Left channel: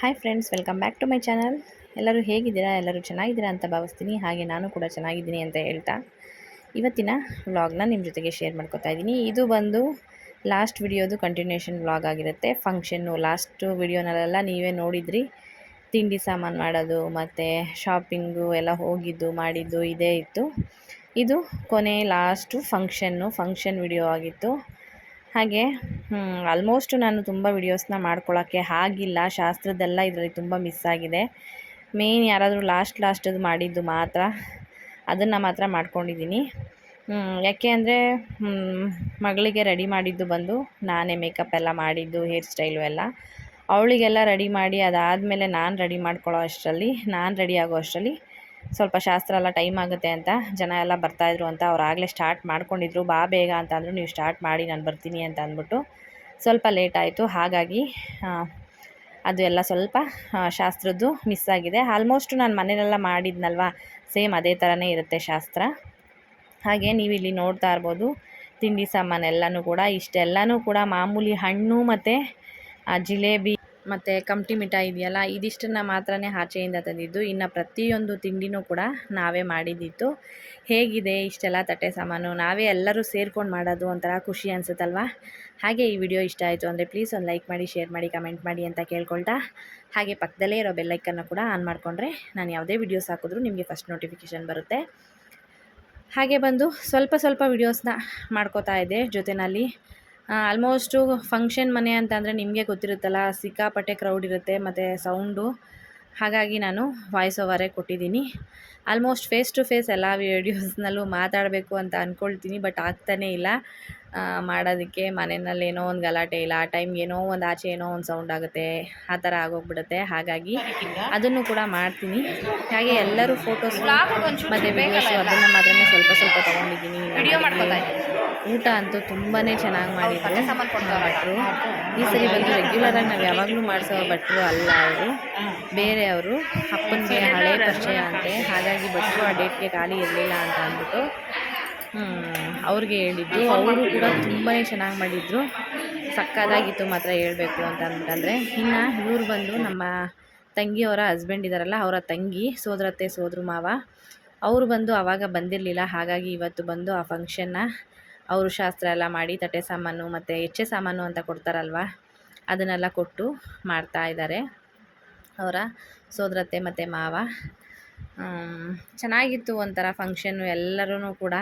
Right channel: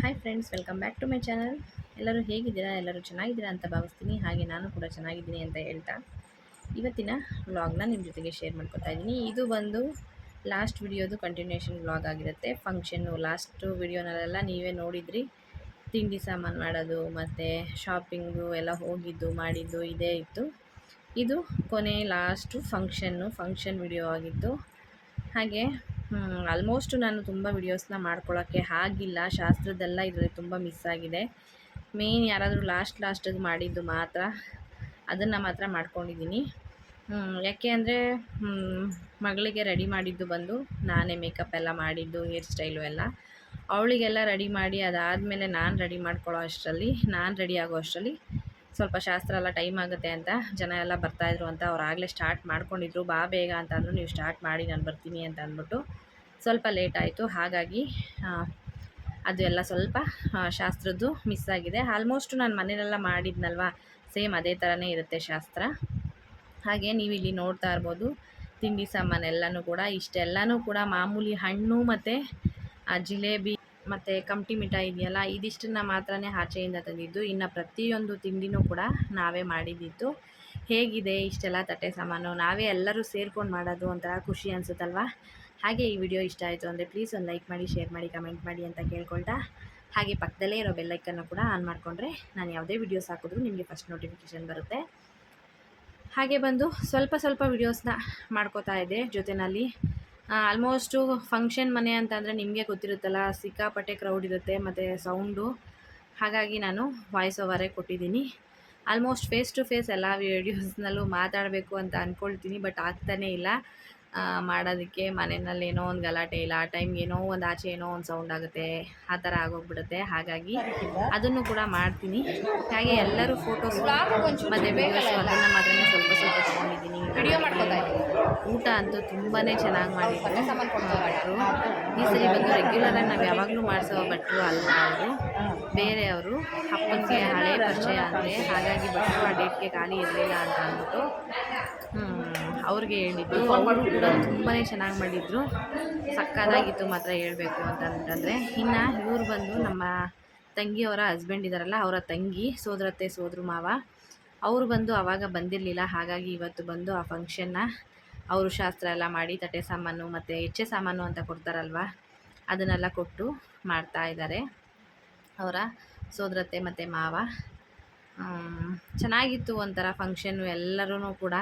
Hi friends, welcome back to my channel. ಎಲ್ಲರೂ ಹೇಗಿದ್ದೀರಾ? ಎಲ್ಲರೂ ಚೆನ್ನಾಗಿದ್ದೀರಾ ಅಂತ ಭಾವಿಸ್ತೀನಿ. ಹಾಗೆ ನಾನು ಕೂಡ ಚೆನ್ನಾಗಿದ್ದೀನಿ ಅಂತ ಹೇಳ್ತಾ ಇವತ್ತಿನ ವ್ಲಾಗ್ನ ನಿಮ್ಮ ಜೊತೆಗೆ ಶೇರ್ ಮಾಡ್ಕೊತಾ ಇದ್ದೀನಿ. ಇದು ಬಂದು ಲಾಸ್ಟ್ ವಿಡಿಯೋದು ಕಂಟಿನ್ಯೂಷನ್ ವ್ಲಾಗ್ ಆಗಿರುತ್ತೆ. ಫಂಕ್ಷನ್ನು ಲಾಸ್ಟ್ ವಿಡಿಯೋನಲ್ಲೆಲ್ಲ ನೀವೇ ನೋಡಿದ್ರಿ. ತಿಂಡಿ ಸಾಮಾನು ಮಾಡೋದು ಮತ್ತು ಶಾಪಿಂಗು ಎಲ್ಲ ಹೋಗಿದ್ದು ಮಾಡಿದ್ದು ಇದೇ ಇತ್ತು. ಇದು ಕೊನೆ ಲಾಸ್ಟು ಫಂಕ್ಷನ್ ವಿಡಿಯೋ ಆಗಿತ್ತು. ಹಾಗೆ ಆಲ್ಮೋಸ್ಟು ನಾನು ತುಂಬ ವಿಡಿಯೋಸ್ನ ಮಾಡ್ಕೊಳ್ಳೋಕ್ಕೆ ಆಗಿಲ್ಲ. ಶಾಸ್ತ್ರದ್ದೆಲ್ಲ ಇದರಲ್ಲಿ ತುಂಬ ಮಿಸ್ ಆಗಿದೆ. ಮೇನ್ ಯಾರಾದರೂ ಲಾಸ್ಟದು ಮಾಡಿದ್ದು ಮಾತ್ರ, ಅದನ್ನು ಮಾತ್ರ ಮಾಡ್ಕೊಂಡಿದ್ದೀನಿ. ಯಾಕೆ ಅಂದರೆ ಮಗಳಿಗೆ ರೆಡಿ ಮಾಡಿದ್ದು ಬಂದು ನಾನೇ ಮೇಕಪ್ ಎಲ್ಲ ಮಾಡಿದ್ದು, ಹೇರ್ ಸ್ಟೈಲು ಎಲ್ಲ ಅವಳಿಗೆಲ್ಲ ರೆಡಿ ಮಾಡಿ ಅದಾದಮೇಲೆ ನಾನು ರೆಡಿ ನಾನು ರೆಡಿ ಆಗೋ ಅಷ್ಟರಲ್ಲಿ ಸ್ವಲ್ಪ ಶಾಸ್ತ್ರ ಎಲ್ಲ ಟೈಮ್ ಆಗುತ್ತೆ ಅಂತ ಜನ ಎಲ್ಲ ಬರ್ತಾಯಿದ್ರು ಅಂತ ಅವ್ರು ಆಗಲೇ ಸ್ಟಾರ್ಟ್ ಮಾಡ್ಕೊಂಡಿದ್ರು. ಬಾ ಬೇಗ ಅಂತ ಅಂದರು. ನೀವು ಸ್ಟಾರ್ಟ್ ಮಾಡಿ, ನಾನು ಬರ್ತೀನಿ ಅಂತ ಅಂದ್ಬಿಟ್ಟು ಸ್ವಲ್ಪ ಲೇಟ್ ಆಯಿತು. ಹಾಗಾಗಿ ಅದು ಎಲ್ಲ ಸ್ವಲ್ಪ ಶಾಸ್ತ್ರದ್ದು ಮಿಸ್ ಆಗಿದೆ. ಆಲ್ಮೋಸ್ಟು ನಾನು ಮನೇಲೆಲ್ಲ ಮಾಡಿದ್ನಲ್ವ, ಸೇಮ್ ಅದೇ ಥರನೇ ಇರುತ್ತೆ ಶಾಸ್ತ್ರ. ಹಾಗೆ ನೀವು ಇಲ್ಲಿ ನೋಡ್ತಾ ಇರ್ಬೋದು ತಿಂಡಿ ಸಾಮಾನೆಲ್ಲನೂ ಕೂಡ, ಇಷ್ಟೆಲ್ಲನೂ ಕೂಡ ಮಾಮೂಲಿ ಹಣ್ಣು ಮತ್ತು ಜಿಲೇಬಿ ಮತ್ತು ಕಮ್ಟಿ ಮಿಠಾಯಿ ಇದೆಯಲ್ಲ, ಇದಿಷ್ಟನ್ನು ಮಾತ್ರನೇ ಆಚೆಯಿಂದ ತಂದಿದ್ದು. ಇನ್ನು ಪ್ರತಿಯೊಂದು ತಿಂಡಿನೂ ಕೂಡ ನಾವೇ ಮಾಡಿದ್ದಿತ್ತು. ಹೇಗಿದೆ ಇಷ್ಟೆಲ್ಲ ತಟ್ಟೆ ಸಾಮಾನು ನಾವೇ ಎಲ್ಲರೂ ಸೇರ್ಕೊಂಡು ಮಾಡೋದು ಒಂಥರ ಖುಷಿ ಅನಿಸುತ್ತಲ್ವ. ಹಾಗೆ ಈ ವಿಡಿಯೋ ಇಷ್ಟ ಆಯಿತು ಅಂದರೆ ಪ್ಲೀಸ್ ಒಂದು ಲೈಕ್ ಮಾಡಿ, ಶೇರ್ ಮಾಡಿ, ಕಮೆಂಟ್ ಮಾಡಿ ಅಂತ ಕೇಳ್ಕೊಳ್ತಾ, ಹಾಗೆ ಪಕ್ಕದಲ್ಲೇ ಇರೋ ಬೆಲ್ಲೈಕನ್ನು ಕೂಡ ಆನ್ ಮಾಡಿಕೊಂಡ್ರೆ ನಾನು ಯಾವುದೇ ವಿಡಿಯೋಸ್ ಹಾಕಿದ್ರೂ ನಿಮಗೆ ಫಸ್ಟ್ ನೋಟಿಫಿಕೇಷನ್ ಬರುತ್ತೆ. ಹಾಗೆ ಬಂದು ಸ್ವಲ್ಪ ವಿಡಿಯೋಸ್ನ ಮಾಡ್ಕೋತಾ ಇದ್ದೆ ಜೊತೆಯಲ್ಲಿ. ಆಲ್ಮೋಸ್ಟು ಫಂಕ್ಷನ್ ಮನೆ ಅಂತ ಅಂದರೆ ನಿಮಗೆ ಗೊತ್ತಿರುತ್ತಲ್ಲ, ಸಿಕ್ಕಾಪಟ್ಟೆ ಕ್ರೌಡ್ ಇರುತ್ತೆ ಮತ್ತು ಸೌಂಡು. ಹಾಗಾಗಿ ನಾನು ವಾಯ್ಸ್ ಓವರೇ ಕೊಟ್ಟಿದ್ದೀನಿ. ಆಲ್ಮೋಸ್ಟ್ ಫೇಸ್ ಟು ಫೇಸ್ ಎಲ್ಲ ವೀಡಿಯೋಸ್ನಲ್ಲೂ ಮಾತಾಡಬೇಕು ಅಂತ ಅಂದ್ಕೊಳ್ತೀನಿ, ಬಟ್ ಆಗ್ತಾನೇ ಇಲ್ಲ ಮಾಡೋದಕ್ಕೆ. ಮನೆಯಲ್ಲಿ ಏನೋ ಒಂದು ಗಲಾಟೆ ಇಲ್ಲ, ಆ ಟೈಮ್ಗೆ ಏನೋ ಒಂದು ಆಚೆ ಏನೋ ಒಂದು ಸೌಂಡ್ ಆಗುತ್ತೆ, ಆ ಥರ ಆಗೋಗ್ಬಿಡುತ್ತೆ. ಹಾಗಾಗಿ ಅದನ್ನು ಕೂಡ ಮಾಡ್ತೀನಿ. ಹಾಗೆ ಎಲ್ಲರೂ ಫೋಟೋಸ್ ಮತ್ತು ವೀಡಿಯೋಸು ಅದನ್ನು ಮಾತ್ರ ಸ್ವಲ್ಪ ತೊಗೊಂಡಿದ್ದೀನಿ. ವಿಡಿಯೋ ಮಾಡ್ಕೊತಾ ಇದ್ದೀನಿ. ಊಟ ಅಂತೂ ತುಂಬಾ ಚೆನ್ನಾಗಿ ಮಾಡಿದ್ರು. ಈ ಸರಿ ಬಂದು ರೆಗ್ಯುಲರಾಗಿ ನಾವು ಯಾವಾಗಲೂ ಮಾಡಿಸೋ ಭಟ್ರು ಅಲ್ಲ, ಅವರು ಬೇರೆಯವರು. ಅಪ್ಪನಿಗೆ ಹಳೆ ಪರಿಚಯ ಅಂತೆ, ಹಾಗಾಗಿ ಭಟ್ರು ಆ ಡೇಟ್ಗೆ ಖಾಲಿ ಇರಲಿಲ್ಲ ಅಂತ ಅಂದ್ಬಿಟ್ಟು ಅವ್ರಿಗೆ ಹೇಳಿದ್ದು. ಅವರು ಕೂಡ ತುಂಬಾ ಚೆನ್ನಾಗಿ ಮಾಡಿದರು, ಸಕ್ಕತ್ತಾಗಿತ್ತು ಮಾತ್ರ ಹೇಳಬೇಕು ಅಂತ ಅಂತಂದರೆ. ಇನ್ನು ಇವ್ರು ಬಂದು ನಮ್ಮ ತಂಗಿಯವರ ಹಸ್ಬೆಂಡ್ ಇದ್ದಾರಲ್ಲ, ಅವರ ತಂಗಿ, ಸೋದರತ್ತೆ ಸೋದ್ರ ಮಾವ. ಅವರು ಬಂದು ಆವಾಗ ಬಂದಿರಲಿಲ್ಲ. ಹಾಗಾಗಿ ಇವತ್ತು ಬಂದು ಆ ಫಂಕ್ಷನ್ನ ಅವರು ಶಾಸ್ತ್ರ ಎಲ್ಲ ಮಾಡಿ ತಟ್ಟೆ ಸಾಮಾನು ಮತ್ತು ಎಚ್ಚೆ ಸಾಮಾನು ಅಂತ ಕೊಡ್ತಾರಲ್ವ, ಅದನ್ನೆಲ್ಲ ಕೊಟ್ಟು ಮಾಡ್ತಾ ಇದ್ದಾರೆ ಅವರ ಸೋದರತ್ತೆ ಮತ್ತು ಮಾವ. ಚೆನ್ನಾಗಿತ್ತು ಒಂಥರ ಫಂಕ್ಷನ್ನು. ಎಲ್ಲರೂ ಕೂಡ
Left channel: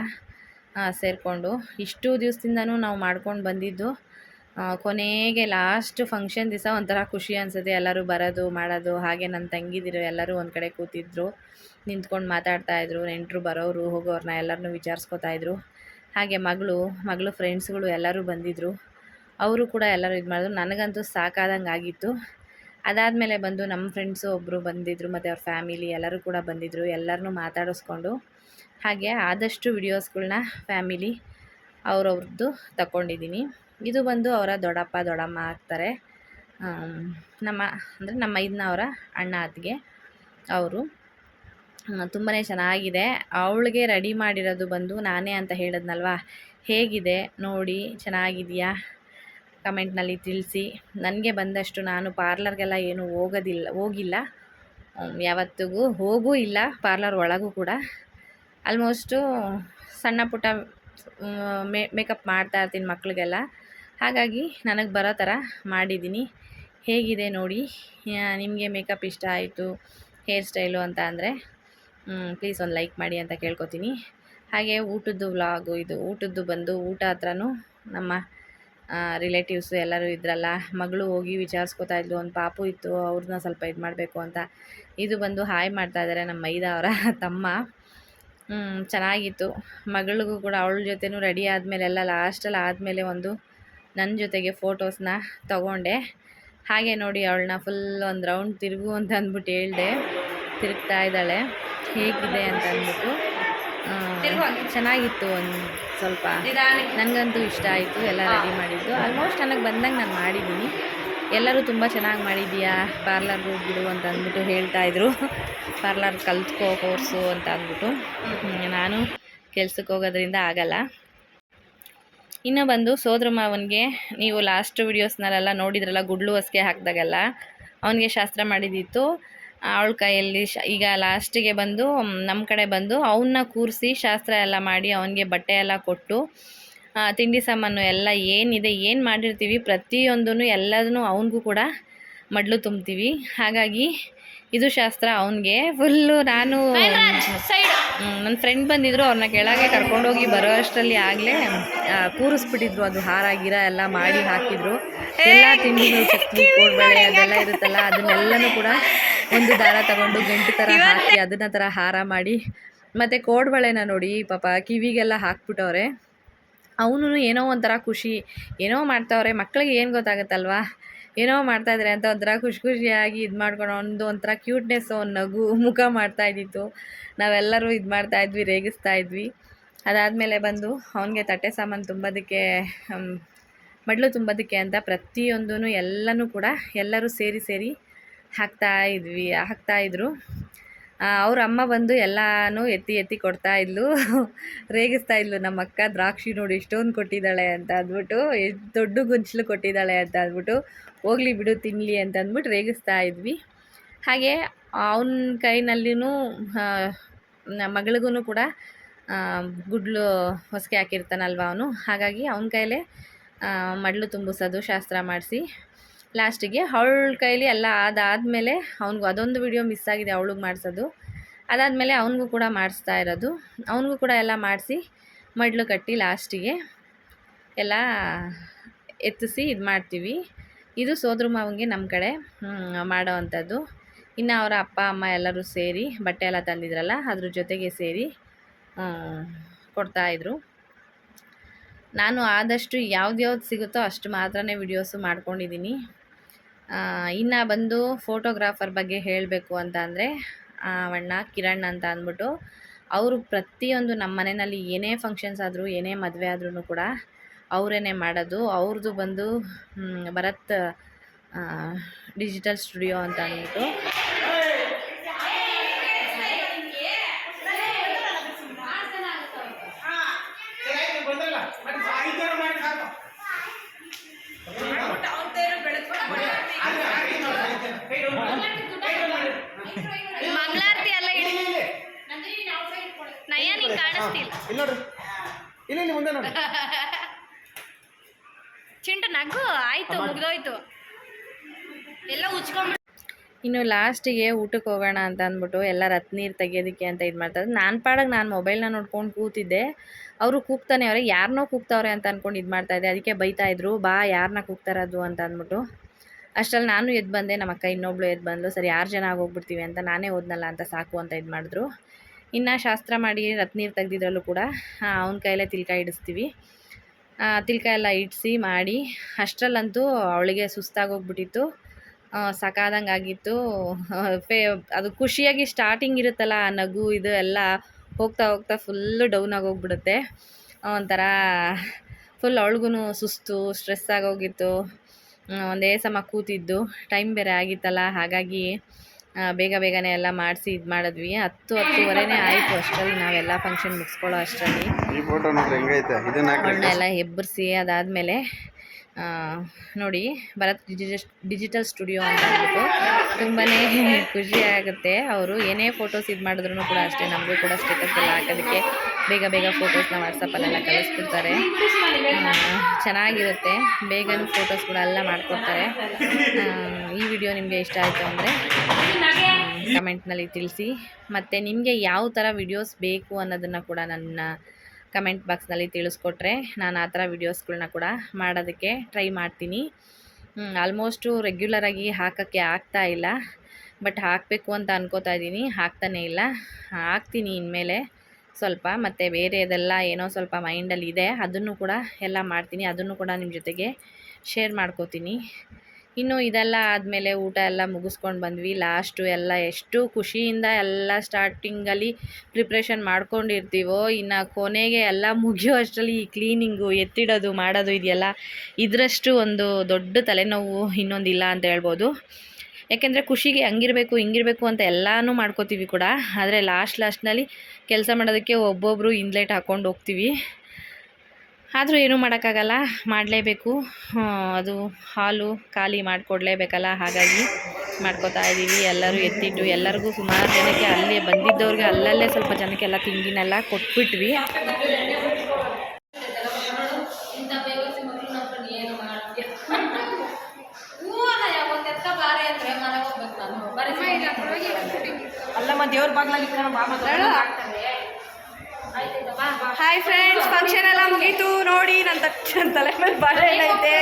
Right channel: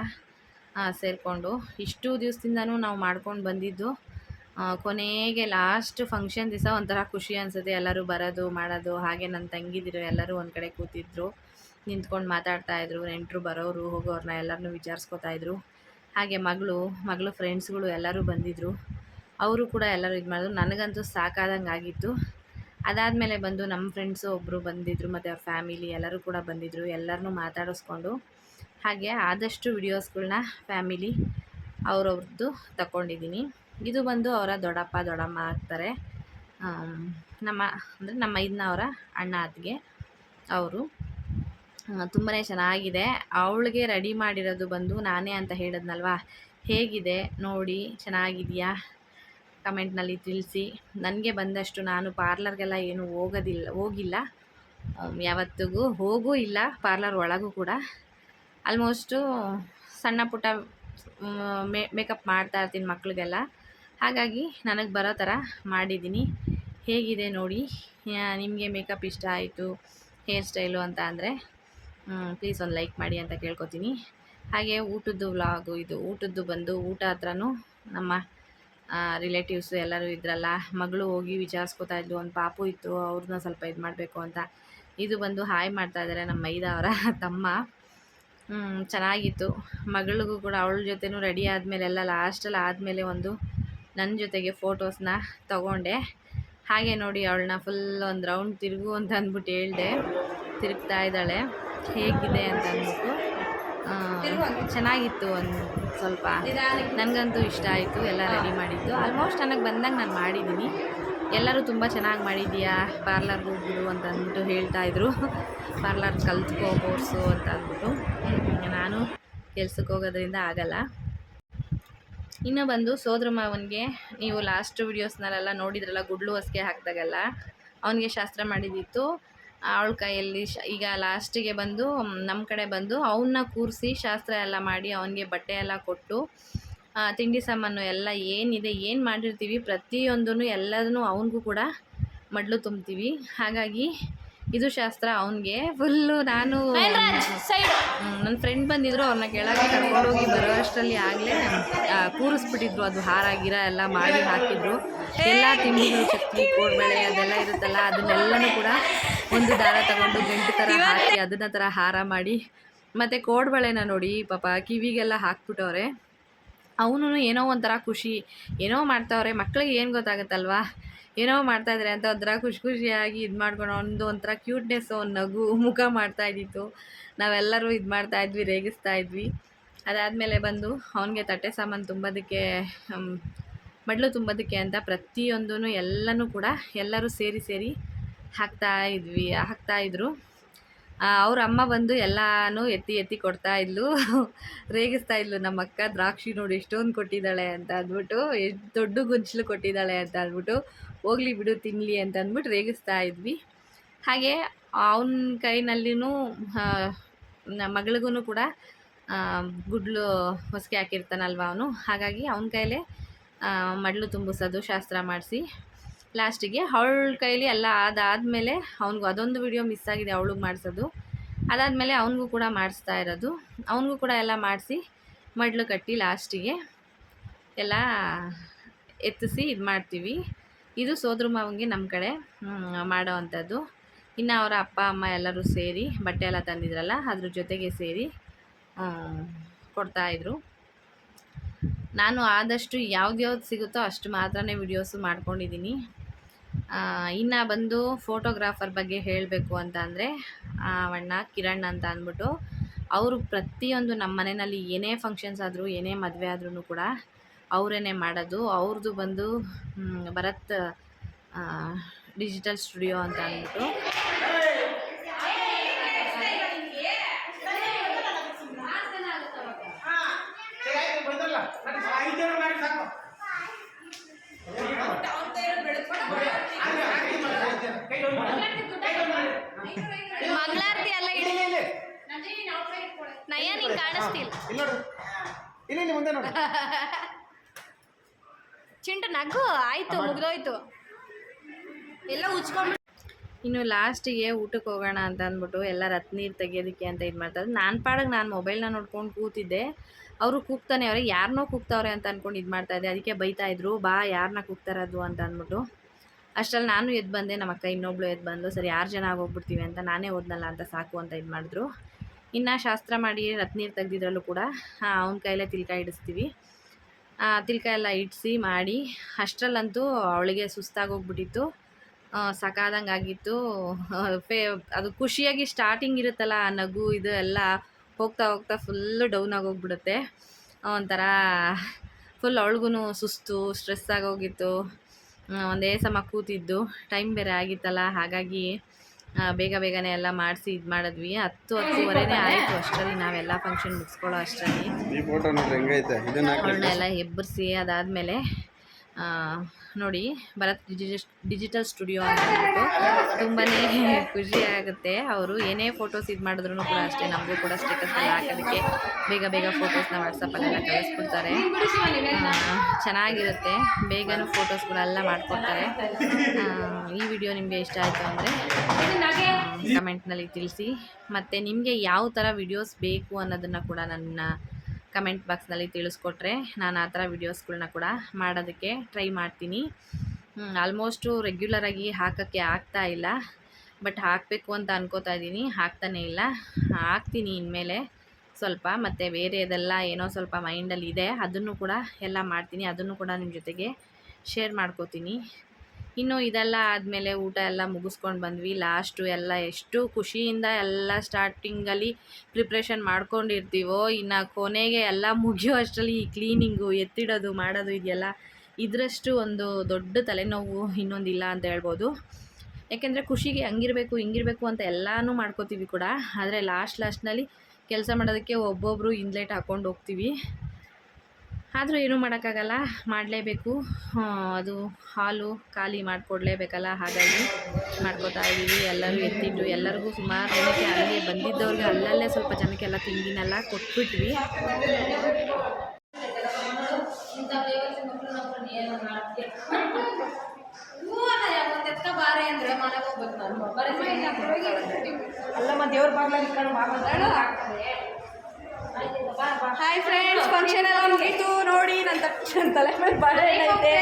ಸೇರಿಕೊಂಡು ಇಷ್ಟು ದಿವಸದಿಂದನೂ ನಾವು ಮಾಡ್ಕೊಂಡು ಬಂದಿದ್ದು. ಕೊನೆಗೆ ಲಾಸ್ಟ್ ಫಂಕ್ಷನ್ ದಿವಸ ಒಂಥರ ಖುಷಿ ಅನಿಸುತ್ತೆ, ಎಲ್ಲರೂ ಬರೋದು ಮಾಡೋದು. ಹಾಗೆ ನನ್ನ ತಂಗಿದಿರು ಎಲ್ಲರೂ ಒಂದು ಕಡೆ ಕೂತಿದ್ರು, ನಿಂತ್ಕೊಂಡು ಮಾತಾಡ್ತಾಯಿದ್ರು. ನೆಂಟರು ಬರೋರು ಹೋಗೋರನ್ನ ಎಲ್ಲರನ್ನೂ ವಿಚಾರಿಸ್ಕೊತಾಯಿದ್ರು. ಹಾಗೆ ಮಗಳು ಫ್ರೆಂಡ್ಸ್ಗಳು ಎಲ್ಲರೂ ಬಂದಿದ್ದರು. ಅವರು ಕೂಡ ಎಲ್ಲರೂ ಇದು ಮಾಡಿದ್ರು. ನನಗಂತೂ ಸಾಕಾದಂಗೆ ಆಗಿತ್ತು. ಅದಾದಮೇಲೆ ಬಂದು ನಮ್ಮ ಫ್ರೆಂಡ್ಸು ಒಬ್ಬರು ಬಂದಿದ್ದರು ಮತ್ತು ಅವ್ರ ಫ್ಯಾಮಿಲಿ ಎಲ್ಲರೂ ಕೂಡ ಬಂದಿದ್ದರು. ಎಲ್ಲರನ್ನೂ ಮಾತಾಡಿಸ್ಕೊಂಡು ಹಾಗೆ ಆದಷ್ಟು ವಿಡಿಯೋಸ್ಗಳನ್ನ ಫ್ಯಾಮಿಲಿ ಅವ್ರವ್ರದ್ದು ತಗೊಂಡಿದ್ದೀನಿ. ಇದು ಬಂದು ಅವರ ದೊಡ್ಡಪ್ಪ ದೊಡ್ಡಮ್ಮ ಆಗ್ತಾರೆ, ನಮ್ಮ ಮೈದನವರ ಅಣ್ಣ ಅತ್ತಿಗೆ ಅವರು. ತುಂಬಾ ಚೆನ್ನಾಗಿದೆ. ಅವಳಿಗೆ ರೆಡಿ ಮಾಡಿರೋದು ಬಂದು ನಾನೇ ಅಂತ ಹೇಳಿದ್ನಲ್ವ. ಹೇಗಿದೆ ನೋಡಿ, ಚೆನ್ನಾಗಿದೆಯಾ ಕಮೆಂಟ್ನಲ್ಲಿ ತಿಳಿಸಿ. ನನಗೆ ಬಂದಷ್ಟು ನಾನು ಪಾರ್ಲರ್ಗೆಲ್ಲ ಏನು ಹೋಗಿಲ್ಲ, ಯಾವತ್ತಿಗೂ ಹೋಗೂ ಇಲ್ಲ ಪಾರ್ಲರ್ ಒಳಗೂ ಕೂಡ. ಆಲ್ಮೋಸ್ಟು ಸಣ್ಣ ಪುಟ್ಟ ಮೇಕಪ್ ಮಾಡ್ತಾ ಇರ್ತೀನಿ ಮಕ್ಕಳಿಗೆಲ್ಲ. ಹಾಗಾಗಿ ನನಗೆ ಬರೋ ಥರ ಮಾಡಿದ್ದೀನಿ. ಹೇಗಿದೆ ನೋಡಿ, ನಿಮಗೆ ಮೇಕಪ್ ಇಷ್ಟ ಆಯಿತು, ಹೇರ್ ಸ್ಟೈಲು ಅಂತ ಅಂದರೆ ಪ್ಲೀಸ್ ಒಂದು ಲೈಕ್ ಮಾಡಿ ಅಂತ ಕೇಳ್ಕೊತೀನಿ. ಹಾಗೆ ಊಟದ್ದು ವ್ಲಾಗು ಇದು. ಊಟದ್ದು ಬಂದು ಊಟ ಹತ್ರನೂ ನಮ್ಮ ರಿಲೇಟಿವ್ಸು ಎಲ್ಲರೂ ಇದ್ರಲ್ಲ, ಮಗಳು ಹೋಗಿ ವಿಚಾರಿಸ್ಕೊತಾ ಇದ್ಲು. ಒಂದು ಪಾಪು ಇತ್ತು, ಅವ್ರನ್ನ ಸ್ವಲ್ಪ ಇದು ಮಾಡಬೇಕು ಅಂತ. ಇದು ಬಂದು ಹಾಯ್ ಮಾಡ್ತಾ ಇದ್ದಾರೆ ನಮ್ಮ ಮೈದ ಅವರ ತಮ್ಮ. ಚೆನ್ನಾಗಿತ್ತು. ಮಗಳಿಗೂ ಕೂಡ ಅವಳ ಜೊತೆನೂ ರೆಡಿ ಆದಮೇಲೆ ಎಲ್ಲ ಲಾಸ್ಟಲ್ಲಿ ಆದಮೇಲೆ ಒಂದು ನನ್ನ ಜೊತೆಗೆ ಫೋಟೋಸ್ನ ತಗೊಂಡೆ. ಹಾಗೆ ನೋಡಿ ಅವಳನ್ನ ಫುಲ್ ಒಂದು ರೌಂಡ್ ತಿರುಗು ಅಂತ ಅಂದ್ಬಿಟ್ಟು ಹೇಳಿದೆ. ತಿರುಗ್ತಾ ಇದ್ದಾಳೆ. ಹೇಗಿದೆ ಅಂತ ಅಂದ್ಬಿಟ್ಟು ಚೆನ್ನಾಗಿತ್ತು. ಒಂದು ಸ್ವಲ್ಪ ನನಗಂತೂ ಇಷ್ಟ ಆಯಿತು ಎಲ್ಲ ರೆಡಿ ಮಾಡಿದ್ದು. ಆಲ್ಮೋಸ್ಟ್ ನನಗೆ ಬಂದಂಗೆ ನಾನು ಮಾಡಿದ್ದೀನಿ. ಎಲ್ಲರೂ ತುಂಬ ಚೆನ್ನಾಗಿ ಮಾಡಿದ್ದೀಯಾ, ಪಾರ್ಲರ್ಗೆ ಹೋಗ್ಬಿಡು ಅಂತ ಅಂದ್ಬಿಟ್ಟು ಹೇಳ್ತಾಯಿದ್ರು. ಪಾರ್ಲರ್ ಕಲ್ತ್ಕೋ ಕೋರ್ಸು ಅಂತ ಅಂದ್ಬಿಟ್ಟು. ನಾನು ಕೆಲ್ಸಕ್ಕೆ ಹೋಗೋದ್ರಿಂದ ಆಗಲ್ಲ. ಇನ್ನು ಬಂದು ಸೋದ್ರ ಮಾವನಿಗೆ ನೀವು ಲಾಸ್ಟ್ ವೀಡಿಯೋಸ್ನಲ್ಲೆಲ್ಲ ನೋಡಿದ್ರಲ್ಲ, ಗುಡ್ಲು ಹೊಸ್ಗೆ ಹಾಕಿದಾಗೆಲ್ಲ ಅವನಿಗೆ ಶಾಸ್ತ್ರ ಮಾಡಿದ್ದಿತ್ತು. ಅವಳ ಕೈಯಲ್ಲಿ ಈಗ ಲಾಸ್ಟಿಗೆ ಬಂದು ನಮ್ಮ ಕಡೆ ಬಂದು ಅವನ್ನ ಕೂರಿಸಿ ಶಾಸ್ತ್ರ ಎಲ್ಲ ಮಾಡಿ ಅವನಿಗೆ ಬಟ್ಟೆ ಎಲ್ಲ ಕೊಟ್ಟು ತಿಂಡಿ ಸಾಮಾನು ಎಲ್ಲ ಏನಿದೆ ಏನು ಮಾಡಿರ್ತೀವಿ ಪ್ರತಿಯೊಂದೂ ಎಲ್ಲದನ್ನೂ ಅವನಿಗೂ ಕೂಡ ಮಡ್ಲು ತುಂಬ್ತೀವಿ. ಹಾಗಾಗಿ ಇದು ಶಾಸ್ತ್ರ ಅವನಿಗೆ ಫುಲ್ಲು. ನಾನು ನನ್ನ ಫ್ರೆಂಡ್ ಬಂದಿದ್ದರು, ಅವ್ರನ್ನ ಕೆಳಗೆ ಕರ್ಕೊಂಡೋಗಿ ಬರೋ ಅಷ್ಟರಲ್ಲಿ ಆಗಲೇ ಕೂರಿಸ್ಬಿಟ್ಟಿದ್ರು. ಅದು ಹಾರ ಗಿರ ಎಲ್ಲ ಮಾಡಿ ಹಾಕಿದ್ರು. ಎಲ್ಲ ತಿಂಡಿಗಳು ಚಕ್ಲಿ ಕೋಡ್ಬಳೆ ಅದೆಲ್ಲ ಇರುತ್ತಲ್ಲ ಅದನ್ನೆಲ್ಲನೂ ಕೂಡ ಒಂದು ದಾರ ತಗೊಂಡು ಗಂಟು ಥರ ಹಾಕಿ ಅದನ್ನ ಥರ ಹಾರ ಮಾಡಿ, ಮತ್ತು ಕೋಡ್ಬಳೆನ ನೋಡಿ ಪಾಪ ಕಿವಿಗೆಲ್ಲ ಹಾಕ್ಬಿಟ್ಟವ್ರೆ. ಅವನು ಏನೋ ಒಂಥರ ಖುಷಿ, ಏನೋ ಮಾಡ್ತಾವ್ರೆ, ಮಕ್ಳಿಗೆ ಏನು ಗೊತ್ತಾಗುತ್ತಲ್ವಾ, ಏನೋ ಮಾಡ್ತಾಯಿದ್ರೆ ಅಂತ ಒಂಥರ ಖುಷಿಯಾಗಿ ಇದು ಮಾಡ್ಕೊಂಡು ಒಂಥರ ಕ್ಯೂಟ್ನೆಸ್ಸು, ಒಂದು ನಗು ಮುಖ ಮಾಡ್ತಾಯಿದ್ದಿತ್ತು. ನಾವೆಲ್ಲರೂ ಇದು ಮಾಡ್ತಾಯಿದ್ವಿ, ರೇಗಿಸ್ತಾಯಿದ್ವಿ. ಅದಾದಮೇಲೆ ಬಂದು ಅವನಿಗೆ ತಟ್ಟೆ ಸಾಮಾನು ತುಂಬೋದಕ್ಕೆ, ಮಡ್ಲು ತುಂಬೋದಕ್ಕೆ ಅಂತ ಪ್ರತಿಯೊಂದೂ ಎಲ್ಲನೂ ಕೂಡ ಎಲ್ಲರೂ ಸೇರಿ ಹಾಕ್ತಾಯಿದ್ರು. ಅವ್ರ ಅಮ್ಮ ಬಂದು ಎಲ್ಲನೂ ಎತ್ತಿ ಕೊಡ್ತಾಯಿದ್ಲು, ರೇಗಿಸ್ತಾಯಿದ್ಲು. ನಮ್ಮ ಅಕ್ಕ ದ್ರಾಕ್ಷಿ ನೋಡಿ ಎಷ್ಟೊಂದು ಕೊಟ್ಟಿದ್ದಾಳೆ ಅಂತ ಅಂದ್ಬಿಟ್ಟು, ಎಷ್ಟು ದೊಡ್ಡ ಗುಂಚಲು ಕೊಟ್ಟಿದ್ದಾಳೆ ಅಂತ ಅಂದ್ಬಿಟ್ಟು, ಹೋಗ್ಲಿ ಬಿಡು ತಿನ್ನಲಿ ಅಂತ ಅಂದ್ಬಿಟ್ಟು ರೇಗಿಸ್ತಾ ಇದ್ವಿ. ಹಾಗೆ ಅವನ ಕೈನಲ್ಲಿನೂ ಮಗಳಿಗೂ ಕೂಡ ಗುಡ್ಲು ಹೊಸಕೆ ಹಾಕಿರ್ತಾನಲ್ವ ಅವನು, ಹಾಗಾಗಿ ಅವನ ಕೈಲೇ ಮಡ್ಲು ತುಂಬಿಸೋದು ಶಾಸ್ತ್ರ ಮಾಡಿಸಿ ಲಾಸ್ಟಿಗೆ ಅವಳ ಕೈಲಿ ಎಲ್ಲ ಅದಾದಮೇಲೆ ಅವ್ನಿಗೂ ಅದೊಂದು ವಿಡಿಯೋ ಮಿಸ್ ಆಗಿದೆ, ಅವಳಿಗೆ ಮಾಡಿಸೋದು. ಅದಾದಮೇಲೆ ಅವನಿಗೂ ಕೂಡ ಮಾಡಿಸ್ತಾ ಇರೋದು. ಅವನಿಗೂ ಕೂಡ ಎಲ್ಲ ಮಾಡಿಸಿ ಮಡ್ಲು ಕಟ್ಟಿ ಲಾಸ್ಟಿಗೆ ಎಲ್ಲ ಎತ್ತಿಸಿ ಇದು ಮಾಡ್ತೀವಿ. ಇದು ಸೋದ್ರ ಮಾವಂಗೆ ನಮ್ಮ ಕಡೆ ಮಾಡೋ ಅಂಥದ್ದು. ಇನ್ನು ಅವರ ಅಪ್ಪ ಅಮ್ಮ ಎಲ್ಲರೂ ಸೇರಿ ಬಟ್ಟೆ ಎಲ್ಲ ತಂದಿದ್ರಲ್ಲ ಅದ್ರ ಜೊತೆಗೆ ಸೇರಿ ಕೊಡ್ತಾಯಿದ್ರು. ನಾನು ಆದಷ್ಟು ಯಾವ್ದು ಸಿಗುತ್ತೋ ಅಷ್ಟು ಮಾತ್ರನೇ ವಿಡಿಯೋಸು ಮಾಡ್ಕೊಂಡಿದ್ದೀನಿ. ಇನ್ನು ಬಂದು ಫೋಟೋಗ್ರಾಫರ್ ಬಗ್ಗೆ ಹೇಳಬೇಕು ಅಂತ ಅಂದರೆ ಅಣ್ಣ ಕಿರಣ್ ಅಂತ ಅಂದ್ಬಿಟ್ಟು, ಅವರು ಪ್ರತಿಯೊಂದು ನಮ್ಮ ಮನೆಯಲ್ಲಿ ಏನೇ ಫಂಕ್ಷನ್ಸ್ ಆದರೂ ಏನೇ ಮದುವೆ ಆದ್ರೂ ಕೂಡ ಅವರೇ ಮಾಡೋದು. ಅವ್ರದ್ದು ಬಂದು ಭರತ್ ಡಿಜಿಟಲ್ ಸ್ಟುಡಿಯೋ ಅಂತ ಅಂದ್ಬಿಟ್ಟು ಮಂಗಳಾರತಿ ಎಲ್ಲ ನಯ ನೀನು ಕಾಣಿಸ್ತಿಲ್ಲ ಚಿಂಟು ನಗು ಆಯಿತು, ಮುಗಿದೋಯ್ತು ಎಲ್ಲ ಉಚ್ಕೊಂಡು. ಇನ್ನು ಲಾಸ್ಟಿಗೆ ಊಟಕ್ಕೆ ಹೋಗೋಣ ಅಂತ ಅಂದ್ಬಿಟ್ಟು ಎಲ್ಲ ರತ್ನೀರು ತೆಗಿಯೋದಕ್ಕೆ ಅಂತ ಇದು ಮಾಡ್ತಾರೆ. ನಾನು ಪಾಡಾಗ ನಾನು ಮೊಬೈಲ್ನ ನೋಡ್ಕೊಂಡು ಕೂತಿದ್ದೆ. ಅವರು ಕೂಗ್ತಾನೆ ಅವ್ರೆ, ಯಾರನ್ನೋ ಕೂಗ್ತಾವ್ರೆ ಅಂತ ಅಂದ್ಕೊಂಡು ಇದು ಮಾಡ್ತಾಯಿದ್ದೆ. ಅದಕ್ಕೆ ಬೈತಾಯಿದ್ರು, ಬಾ ಯಾರನ್ನ ಕೂಗ್ತಾರದು ಅಂತ ಅಂದ್ಬಿಟ್ಟು. ಅಷ್ಟರಲ್ಲಿ ನಾನು ಎದ್ದು ಬಂದೆ, ನಮ್ಮ ಅಕ್ಕ ಇನ್ನೊಬ್ಳು ಎದ್ದು ಬಂದು, ಸರಿ 6 ಜನ ಆಗೋಗ್ಬಿಡ್ತೀವಿ ಅಂತ ನಾನೇ ಹೋದ್ನಲ್ಲ ಅಂತ ಸಾಕು ಅಂತ ಇದು ಮಾಡಿದ್ರು. ಇನ್ನು ಶಾಸ್ತ್ರ ಮಾಡಿ ರತ್ನೀರು ತೆಗ್ದಿದ್ರಲ್ಲೂ ಕೂಡ ಅವನ ಕೈಲೇ ತಿಲ್ಕ ಇಡಿಸ್ತೀವಿ. ತಿಲ್ಕ ಎಲ್ಲ ಇಡಿಸಿ ಮಾಡಿ ಅಷ್ಟರಲ್ಲಂತೂ ಅವಳಿಗೆ ಸುಸ್ತಾಗೋಗ್ಬಿಟ್ಟಿತ್ತು, ಸಾಕಾದಂಗೆ ಆಗಿತ್ತು. ಅದು ಖುಷಿಯಾಗಿ ಸ್ಟಾರ್ಟಿಂಗ್ ಇರುತ್ತಲ್ಲ ಆ ನಗು ಇದು ಎಲ್ಲ ಹೋಗ್ತಾ ಫುಲ್ಲು ಡೌನ್ ಆಗೋಗ್ಬಿಡುತ್ತೆ. ಒಂಥರ ಫುಲ್ ಅವಳಿಗೂ ಸುಸ್ತು ಸ್ಟ್ರೆಸ್ ಆಗೋಗಿತ್ತು. ಒಂದೇ ಸಮ ಕೂತಿದ್ದು, ಟೈಮ್ ಬೇರೆ ಆಗಿತ್ತಲ್ಲ, ಹಾಗಾಗಿ ಬೇಗನೆ ಎಲ್ಲ ಮಾಡಿಸಿ ಇದು ಮಾಡಿದ್ವಿ. 10-10:30 ಆಯಿತು ಅಷ್ಟರಲ್ಲಿ ನಾವೆಲ್ಲ ಫಂಕ್ಷನ್ ಮುಗಿಸ್ಕೊಳ್ಳೋ ಅಷ್ಟರಲ್ಲಿ. ಅವಳನ್ನೆಲ್ಲ ಎಬ್ಬರಿಸಿ ಅದಾದಮೇಲೆ ನೋಡಿ ಭರತ್ ಡಿಜಿಟಲ್ ಸ್ಟುಡಿಯೋ ಅಂತ ಅಂದ್ಬಿಟ್ಟು ತುಂಬಾ ಖುಷಿ ಆಗುತ್ತೆ. ಅವರು ಏನೇ ಫೋಟೋಸ್ ಇದು ಮಾಡಿದ್ರು ಕೂಡ ಅಷ್ಟೇ, ನಮಗೂ ಕೂಡ ಸ್ಟೇಟಸ್ಸೆಲ್ಲ ಹಾಕೋದಕ್ಕೆ ಬೇಗ ಫೋಟೋಸ್ನ ವಾಟ್ಸಪ್ಪಲ್ಲೆಲ್ಲ ಕಳಿಸ್ಬಿಡ್ತಾರೆ. ಚೆನ್ನಾಗಿರುತ್ತೆ, ಬೇಗನೂ ಫೋಟೋಸ್ಗಳೆಲ್ಲ ಮಾಡಿಕೊಡ್ತಾರೆ. ಈ ವಿಡಿಯೋ ನಿಮಗೆ ಇಷ್ಟ ಆಯಿತು ಅಂದರೆ ಕಮೆಂಟ್ನಲ್ಲಿ ತಿಳಿಸಿ. ಮತ್ತು ನಿಮಗೆ ಯಾವ ಥರ ವಿಡಿಯೋಸ್ ಬೇಕು ಅನ್ನೋದನ್ನು ಕೂಡ ನನ್ನ ಕಮೆಂಟ್ ಬಾಕ್ಸ್ನಲ್ಲಿ ತಿಳಿಸ್ಕೊಟ್ರೆ ನಾನು ಆ ಥರ ವೀಡಿಯೋಸ್ಗಳನ್ನ ಕೂಡ ಮಾಡೋದಕ್ಕೆ ಟ್ರೈ ಮಾಡ್ತೀನಿ. ಆಲ್ಮೋಸ್ಟು ರೆಗ್ಯುಲರಾಗಿ ಹಾಕೋಕ್ಕೆ ಆಗ್ತಾಯಿಲ್ಲ, ಬಟ್ ಹಾಕಬೇಕು ಅಂತ ಅನ್ಕೋತಾ ಇದ್ದೀನಿ, ಹಾಕ್ತಾನೇ ಇಲ್ಲ. ಹಾಕ್ತೀನಿ ಇನ್ಮೇಲೆ ಸ್ವಲ್ಪ. ಮತ್ತು ಬೇರೆದೆಲ್ಲ ಏನೋ ಸ್ವಲ್ಪ ಮೈಂಡಲ್ಲಿ ಇದೆ, ಅದನ್ನು ಕೂಡ ಎಲ್ಲ ಮಾಡ್ತೀನಿ, ಅದನ್ನು ಕೂಡ ನಿಮ್ಮ ಜೊತೆಗೆ ಶೇರ್ ಮಾಡ್ಕೋತೀನಿ. ಇನ್ನು ಇದೆಲ್ಲ ಆದಮೇಲೆ ಊಟ ಎಲ್ಲ ಮುಗಿಸ್ಕೊಂಡು ಬಂದ್ವಿ. ಲಾಸ್ಟು ಎಲ್ಲ ಎಷ್ಟು ಖುಷಿಯಿಂದ ಎಲ್ಲ ಸ್ಟಾರ್ಟಿಂಗಲ್ಲಿ ಪ್ರಿಪ್ರೇಷನ್ ಮಾಡ್ಕೊಂಡಿರ್ತೀವೋ, ಇನ್ನು ಕೊನೆಗೆ ಎಲ್ಲ ಮುಗಿಯೋ ಅಷ್ಟರಲ್ಲಿ ಈ ಕ್ಲೀನಿಂಗು ಎತ್ತಿಡೋದು ಮಾಡೋದು ಇದೆಯಲ್ಲ, ಇದರಷ್ಟು ಒಂದು ದೊಡ್ಡ ತಲೆನೋವು ಇನ್ನೊಂದಿಲ್ಲ ಅಂತ ಹೇಳ್ಬೋದು. ಯಾಕೆಂದರೆ ಖುಷಿಗೆ ಹಂಗಿರಬೇಕು ಹಿಂಗಿರಬೇಕು ಅಂತ ಎಲ್ಲನೂ ಮಾಡ್ಕೋತೀವಿ ಕೂಡ, ಆದರೆ ಲಾಸ್ಟ್ನಲ್ಲಿ ಕೆಲಸ ಮಾಡೋದಕ್ಕೆ ಒಬ್ಬೊಬ್ಬರು ಇನ್ಲೈಟ್ ಹಾಕ್ಕೊಂಡು ಹೋಗ್ತೀವಿ. ಆದರೂ ಏನೂ ಮಾಡೋಕ್ಕಾಗಲ್ಲ, ಮಾಡಲೇಬೇಕು. ಅದು ಹಾಲು ಖಾಲಿ ಮಾಡಿಕೊಡ್ಲೇಬೇಕಲ್ಲ, ಹಾಗಾಗಿ ಮಾಡ್ಕೋತಾ ಇದ್ದೀವಿ. ಎಲ್ಲರೂ ಎತ್ತಿಟ್ಟು ಎಲ್ಲರಿಗೂ ಸುಮಾರು ಜನಕ್ಕೆ ಅಲ್ಲಿ ಬಂದಿದ್ದವ್ರಿಗೆ ಅಲ್ಲಲ್ಲೇ ಸ್ವಲ್ಪ ಜನಕ್ಕೆಲ್ಲ ತಿಂಡಿನೆಲ್ಲ ಕೊಟ್ಬಿಟ್ವಿ. ಅಲ್ಲಮ್ಮ ದೇವ್ರ ಬಾಗ್ಲಲ್ಲಿ ಹಾಯ್ ಫ್ರೆಂಡ್ಸ್, ಫಂಕ್ಷನ್ ಎಲ್ಲ ಮುಗೀತು ನೋಡಿ. ನನ್ನ ತಕ್ಷಣ ತಲೆ ಮೇಲೆ ಬಾಳೆಹಣ್ಣು ಐತೆ,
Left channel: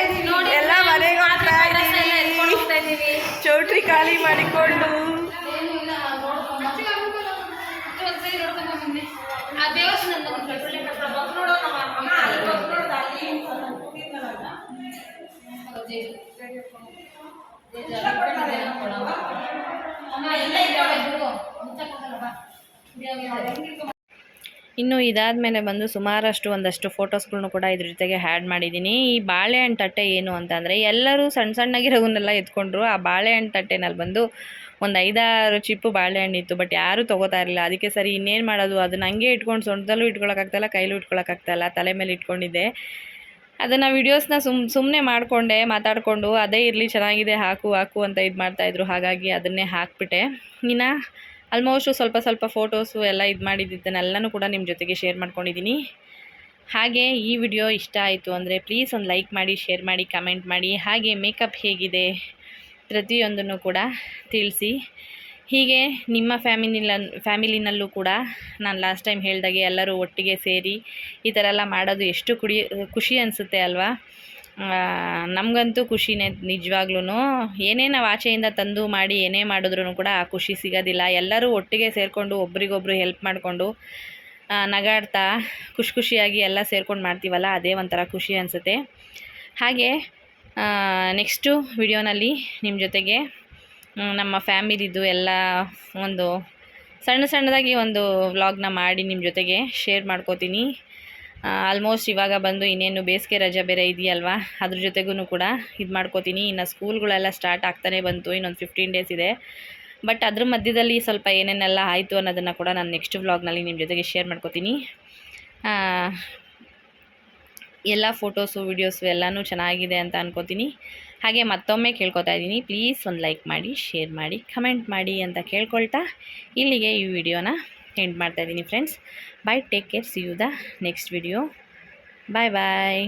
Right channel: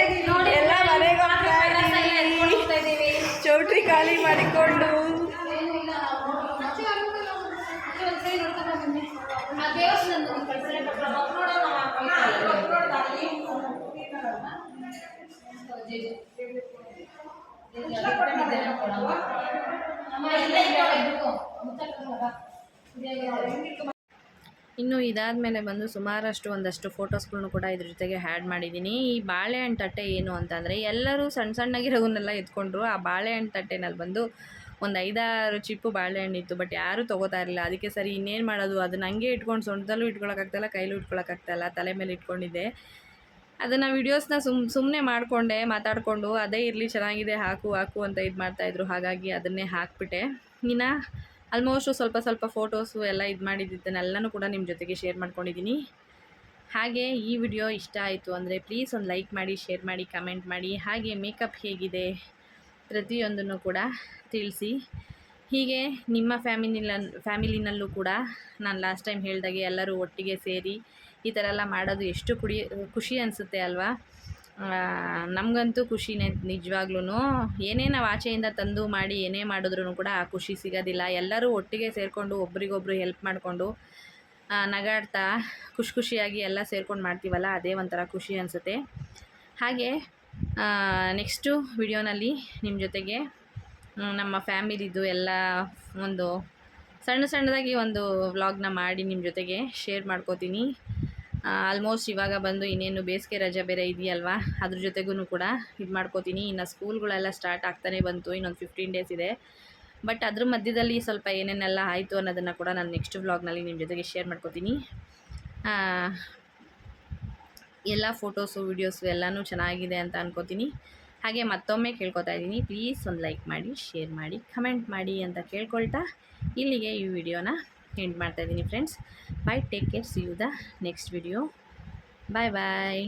ಎಲ್ಲ ಮನೆಗೆ ಹೋಗ್ತಾ ಇದ್ದೀವಿ. ಚೌಟ್ರಿ ಖಾಲಿ ಮಾಡಿಕೊಂಡು ಇನ್ನು ಇದಾದಮೇಲೆ ಬಂದು ಸುಮಾರಷ್ಟು ಒಂದಷ್ಟು ಫೋಟೋಸ್ಗಳ್ನು ಕೂಡ ಇದ್ರ ಜೊತೆಗೆ ಆ್ಯಡ್ ಮಾಡಿದ್ದೀನಿ. ಈ ಬಾಳೆಹಣ್ಣು ತಟ್ಟೆ ಏನು ಅಂತಂದರೆ ಎಲ್ಲರೂ ಸಣ್ಣ ಸಣ್ಣಗಿರೋವನ್ನೆಲ್ಲ ಎತ್ಕೊಂಡ್ರು. ಆ ಬಾಳೆಹಣ್ಣು ತಟ್ಟೆನಲ್ಲಿ ಬಂದು ಒಂದು 5-6 ಚಿಪ್ಪು ಬಾಳೆಹಣ್ಣಿತ್ತು. ಬಟ್ ಯಾರೂ ತೊಗೋತಾ ಇರಲಿಲ್ಲ. ಅದಕ್ಕೆ ಸರಿ ಇನ್ನೇನು ಮಾಡೋದು, ಅದನ್ನ ಹಂಗೆ ಇಟ್ಕೊಂಡು ಸೊಂಟದಲ್ಲೂ ಇಟ್ಕೊಳ್ಳೋಕ್ಕಾಗ್ತಾಯಿಲ್ಲ, ಕೈಲೂ ಇಟ್ಕೊಳ್ಳೋಕ್ಕಾಗ್ತಾಯಿಲ್ಲ, ತಲೆ ಮೇಲೆ ಇಟ್ಕೊಂಡಿದ್ದೆ. ಅದನ್ನು ವೀಡಿಯೋಸ್ನ ಸುಮ್ಮನೆ ಮಾಡಿಕೊಂಡೆ ಮಾತಾಡಿಕೊಂಡು, ಅದೇ ಇರಲಿ ಚೆನ್ನಾಗಿದೆ ಹಾಕು ಅಂತ ಇದು ಮಾಡ್ತಾಯಿದ್ರು. ಹಾಗಾಗಿ ಅದನ್ನೇ ಹಾಕಿಬಿಟ್ಟೆ. ಇನ್ನು ಆಲ್ಮೋಸ್ಟು ಸ್ವಲ್ಪ ಫೋಟೋಸು ಎಲ್ಲ ಇದು ಮಾಡಿದ್ದನ್ನೆಲ್ಲನೂ ಕೂಡ ನಿಮ್ಮ ಜೊತೆಗೆ ಶೇರ್ ಮಾಡ್ಕೊಂಡಿದ್ದೀನಿ. ಹಾಗೆ ಈ ವಿಡಿಯೋ ಇಷ್ಟ ಆಯಿತು ಅಂದರೆ ಪ್ಲೀಸ್ ಒಂದು ಲೈಕ್ ಮಾಡಿ, ಶೇರ್ ಮಾಡಿ, ಕಮೆಂಟ್ ಮಾಡಿ. ಹಾಗೆ ಮೇಕಪ್ ಹೇಗಿದೆ ಪ್ರತಿಯೊಂದನ್ನು ಕೂಡ ತಿಳಿಸಿ. ಹೀಗೆ ನಿಮ್ಮ ಫ್ಯಾಮಿಲಿನಲ್ಲೂ ಕೂಡ ನಾನು ಲಾಸ್ಟ್ ಟೈಮ್ ಹೇಳ್ದಾಗೆ ಎಲ್ಲರೂ ಒಟ್ಟಿಗೆ ಸೇರಿ ಈ ಥರ ಎಲ್ಲ ಮಾಡೋದು ಎಷ್ಟು ಖುಷಿ ಅನಿಸುತ್ತೆ ಅಲ್ವಾ. ನಮಗಂತೂ ಖುಷಿನೇ ನಿಜವಾಗ್ಲೂ. ಏನೇ ನಾವು ಆಚೆಯಿಂದ ತಂದು ಮಾಡಿ ಏನೇ ಮಾಡಿದ್ರೂ ಕೂಡ ಆ ಖುಷಿ ಸಿಗೋದಿಲ್ಲ. ಎಲ್ಲರೂ ಒಟ್ಟಿಗೆ ಸೇರಿಕೊಂಡು ಒಬ್ರಿಗೊಬ್ರು ಹೆಲ್ಪ್ ಮಾಡಿಕೊಂಡು ನಗಾಡ್ತಾ ಖುಷಿಯಾಗಿ ಎಲ್ಲ ಸೇರ್ಕೊಂಡು ಮಾಡ್ತೀವಲ್ಲ, ಅದೇ ಒಂಥರ ಖುಷಿ ಅನಿಸುತ್ತೆ. ಹಾಗೆ ನೆಕ್ಸ್ಟು ವಿಡಿಯೋನಲ್ಲಿ ನಿಮ್ಮ ಜೊತೆಗೆ ನಮ್ಮ ಫ್ಯಾಮಿಲಿದು ಎಲ್ಲ ಒಂದು ಸಣ್ಣದಾಗಿ ಒಂದು ವ್ಲಾಗ್ನ ಮಾಡಿ ನಿಮ್ಮ ಜೊತೆಗೆ ಶೇರ್ ಮಾಡ್ಕೋತೀನಿ. ಆಲ್ಮೋಸ್ಟ್ ಇವಾಗ ಬಂದು ಇನ್ನೇನು ಬೇಸಿಗೆ ರಜೆ ಬೇರೆ ಇದೆಯಲ್ವಾ, ಅದ್ರ ಜೊತೆಗೂ ಕೂಡ ಇದು ಮಾಡ್ಕೋತೀನಿ. ಇನ್ನು ಸ್ಕೂಲ್ಗಳೆಲ್ಲ ಸ್ಟಾರ್ಟ್ ಆಗ್ತಾನೆ ಬಂತು, ಇನ್ನೊಂದು 15 ಡೇಸ್ ಇದೆ. ಬಟ್ ಅದ್ರ ಮಧ್ಯದಲ್ಲಿ ಸ್ವಲ್ಪ ಏನೇನೆಲ್ಲ ಆಯಿತು ಅನ್ನೋದನ್ನು ಕೂಡ ನಾನು ನೆಕ್ಸ್ಟ್ ವ್ಲಾಗ್ನಲ್ಲಿ ನಿಮ್ಮ ಜೊತೆಗೆ ಶೇರ್ ಮಾಡ್ಕೋತೀನಿ. ಎಲ್ಲ ಫೋಟೋಸು ವಿಡಿಯೋಸು ಎಲ್ಲನೂ ಚೆನ್ನಾಗಿದೆ ಅಂತ ಅನ್ಕೋತೀನಿ. ಹಾಗೆ ಮತ್ತೊಮ್ಮೆ ಕೇಳ್ಕೊತಾ ಇದ್ದೀನಿ, ಪ್ಲೀಸ್ ಒಂದು ಲೈಕ್ ಮಾಡಿ, ಶೇರ್ ಮಾಡಿ, ಕಮೆಂಟ್ ಮಾಡಿ ಅಂತ ಕೇಳ್ಕೊಳ್ತಾ ಇಲ್ಲಿಗೆ ಈ ವಿಡಿಯೋನ ಎಂಡ್ ಮಾಡ್ತಾಯಿದ್ದೀನಿ friends. Bye, take care, see you the next video. Bye.